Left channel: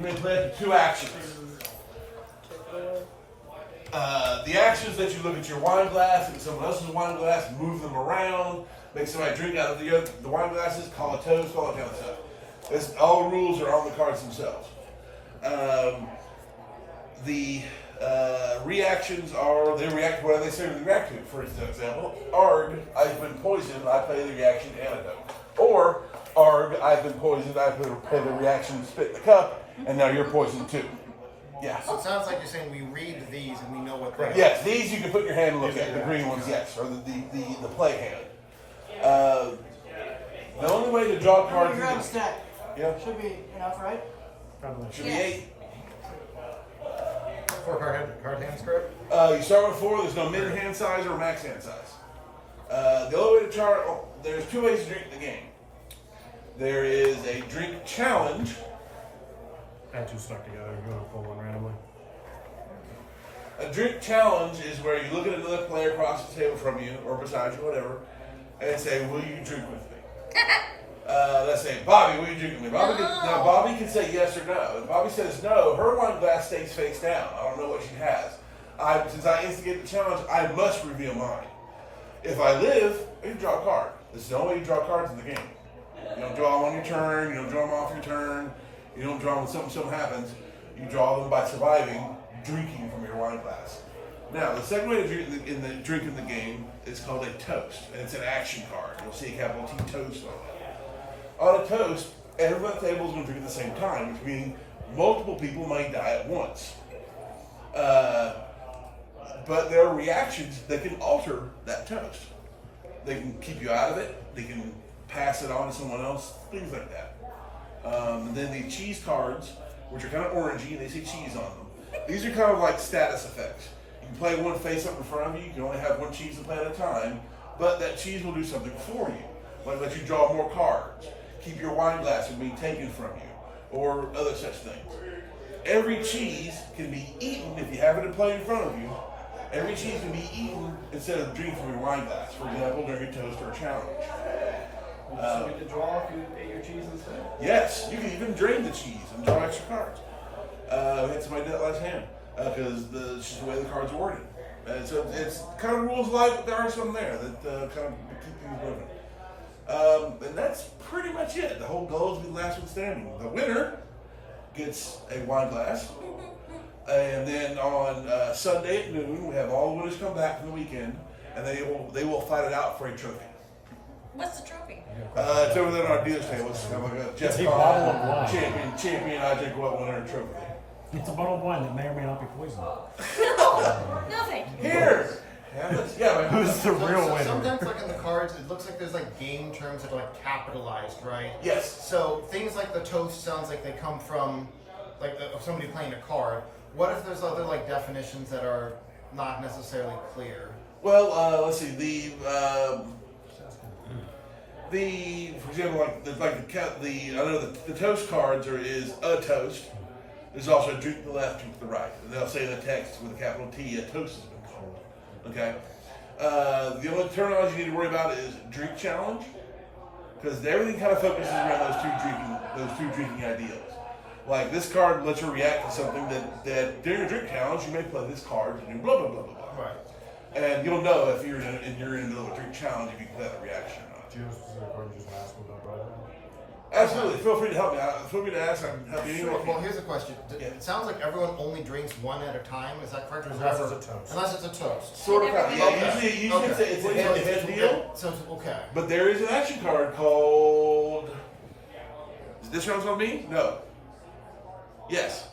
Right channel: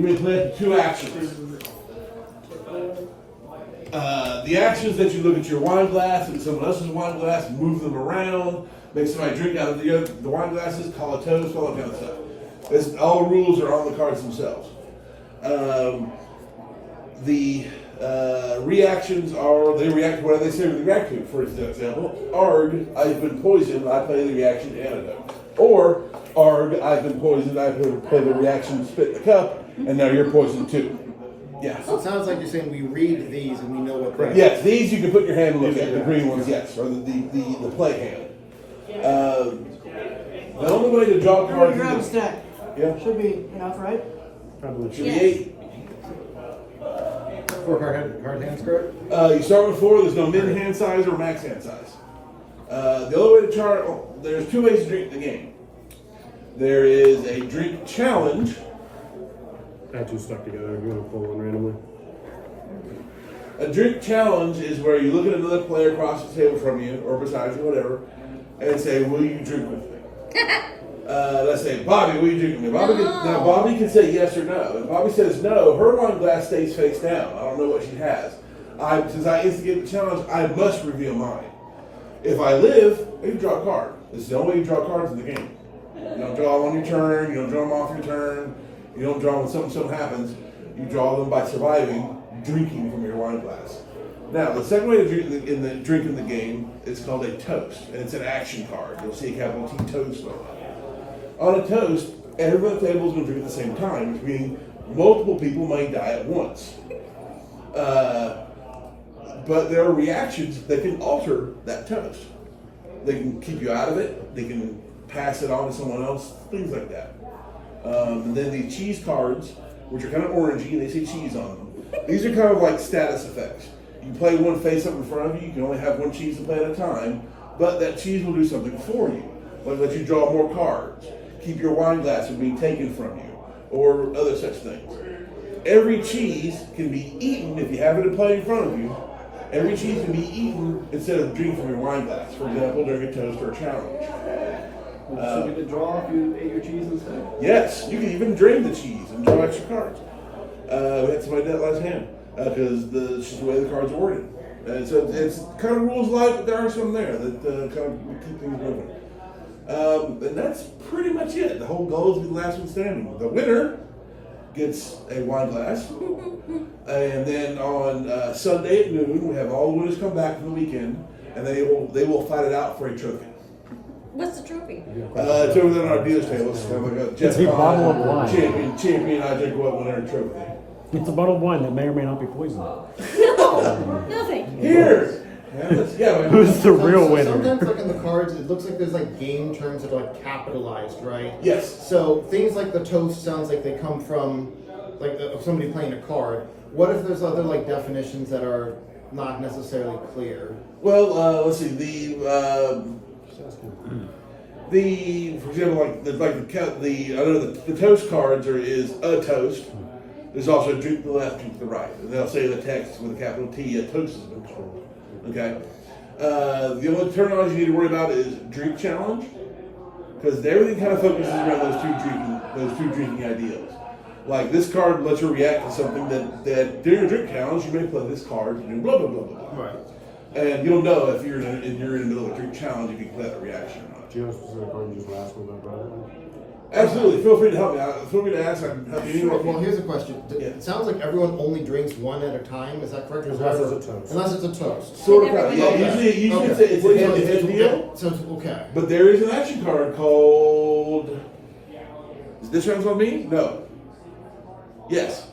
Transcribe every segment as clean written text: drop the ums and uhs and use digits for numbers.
We play two actions. The actions that you look at your wine glass and someone else's wine glass, move them around, make somebody drink out of the wine glasses, call a toast, all that kind of stuff. All the rules are on the cards themselves. The reactions are, they react to what they say they react to. For example, Arg, I've been poisoned, I play the reaction antidote. Or, Arg, I've been poisoned, I play the reaction spit in the cup, and now you're poisoned too. Yeah. So it sounds like you're saying we read these and we know what they are. Yes, these you can put in your hand and look at. The green ones, yes, or the play hand. The only way to draw cards. Grab a stack. Yeah. Should be enough, right? Should be 8. For card hands, correct? You start with 4. There's no min hand size or max hand size. The only way to chart. There's 2 ways to drink the game. There is a drink challenge. That two stuck together. You want to pull one randomly? A drink challenge is where you look at another player across the table from you or beside you, whatever, and say, "Will you drink with me?" Let's say, "Bobby, will you drink with me?" Now, Bobby can say yes or no. If Bobby says no, her wine glass stays face down. I don't know what she has. Since I instigate the challenge, I must reveal mine. If I live, I can draw a card. This is the only way you draw cards in the game. You don't draw them on your turn. You don't draw them off your turn. You don't draw when something happens. You draw them by surviving, drinking from your wine glass. Now, the second way to drink in the game is called a toast, and it's an action card. You'll see a capital T toast on it. On a toast, everyone at the table is going to drink at the same time, which means multiple people may die at once. But there are reactions that can alter that toast. They can keep you out of it. They can pass it on to someone else. Things like that. And then the cheese cards, which are kind of orangey, and they say cheese on them. These are kind of like status effects. You can play one face up in front of you. You can only have one cheese to play at a time, but that cheese will do something for you, like let you draw more cards, keep your wine glass from being taken from you, or other such things. Every cheese can be eaten if you have it to play in front of you. Every cheese can be eaten instead of drinking from your wine glass. For example, during a toast or a challenge. So you could draw if you ate your cheese instead? Yes, you can even drain the cheese and draw extra cards. We had somebody do that last hand because it's just the way the cards are worded. And so it's kind of rules of life, but there are some there that kind of keep things moving. And that's pretty much it. The whole goal is to be the last one standing. The winner gets a wine glass. And then on Sunday at noon, we have all the winners come back from the weekend, and they will fight it out for a trophy. What's the trophy? It's over there on our dealer's table. It's kind of like a Jeff a bottle of wine. champion. I drink what winner trophy. It's a bottle of wine that may or may not be poisoned. No, thank you. Here. Yeah, but Who's the real So winner? sometimes, like in the cards, it looks like there's like game terms that are like capitalized, right? yes. So things like the toast sounds like they come from like somebody playing a card. What if there's other like definitions that are not necessarily clear? Well, let's see. For example, the toast cards is a toast. There's also a drink to the left, drink to the right. And they'll say in the text with a capital T, a toast has been called. Okay. The only terminology you need to worry about is drink challenge, because everything kind of focuses around those two drinking ideals. Like this card lets you react to something that during a drink challenge you may play this card and do blah blah blah blah blah. Right. And you'll know if you're in the middle of a drink challenge if you can play that reaction or not. Do you have a specific card you just ask me about, brother? Absolutely. Feel free to help me out. Feel free to ask. I can help you anywhere. Well, here's a question. Yeah. It sounds like everyone only drinks one at a time. Is that correct? Or is Unless there it's a toast. Unless it's a toast. Sort of. Everybody- Yeah. Okay. Usually Okay. it's a head-to-head deal. So okay. But there is an action card called. Is this round on me? No. Yes.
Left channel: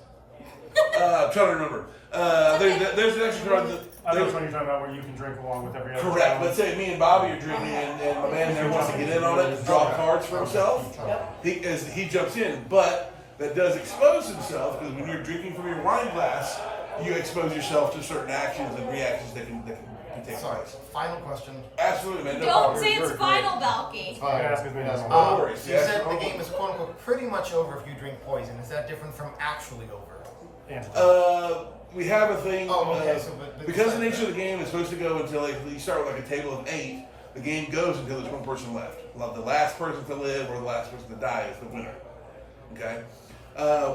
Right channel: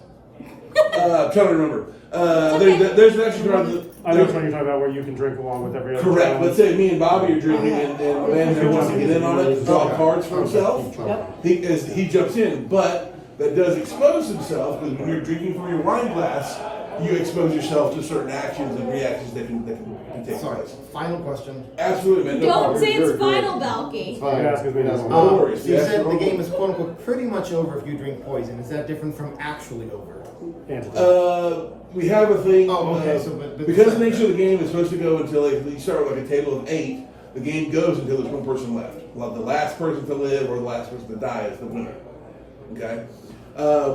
I'm trying to remember. There's an action card. I know which one you're talking about, where you can drink along with every other. Correct. round. Let's say me and Bobby are drinking, and a man there wants to get in on it, draw cards for himself. He jumps in, but that does expose himself because when you're drinking from your wine glass, you expose yourself to certain actions and reactions that can take Sorry. place. Final question. Absolutely, man. No Don't problem. say it's final, Balky. You can ask as many as you No want. worries. You Yes. said the game is quote unquote pretty much over if you drink poison. Is that different from actually over? We have a thing. Oh, okay, so but because the nature of the game is supposed to go until you start with like a table of 8. The game goes until there's one person left. Well, the last person to live or the last person to die is the winner. Okay.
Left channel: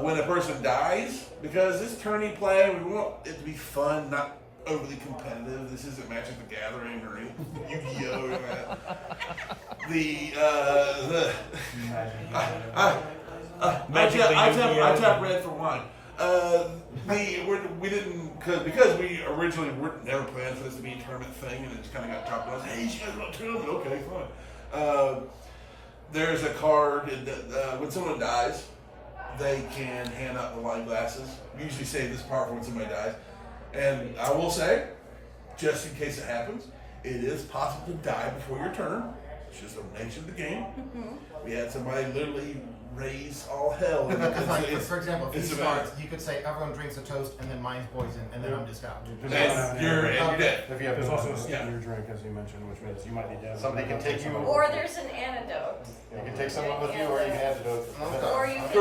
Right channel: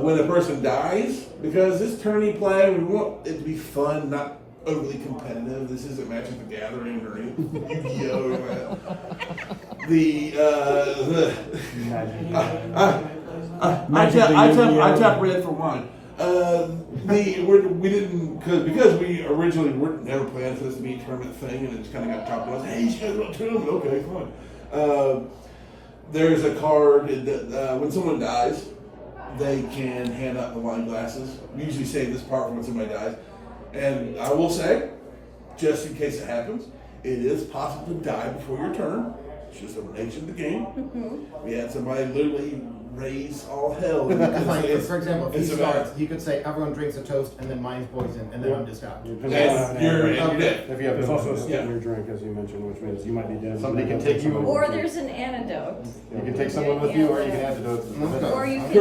when a person dies, because this tourney play, we want it to be fun, not overly competitive. This isn't Magic the Gathering or any Yu-Gi-Oh! Or that. I tap red for wine. We didn't because we originally never planned for this to be a tournament thing, and it just kind of got chopped up. Hey, you guys want a tournament? Okay, fine. There's a card that when someone dies, they can hand out the wine glasses. We usually save this part for when somebody dies, and I will say, just in case it happens, it is possible to die before your turn. It's just the nature of the game. We had somebody literally raise all hell. Because, like, It's- for example, if it's he a matter- starts, you could say everyone drinks a toast and then mine's poison and then I'm just out. You're dead. If you have, there's also a skip Yeah. in your drink, as you mentioned, which means you might need to. Somebody can take you- Or there's an antidote. You can take someone with you, or you can antidote. Okay. Or you can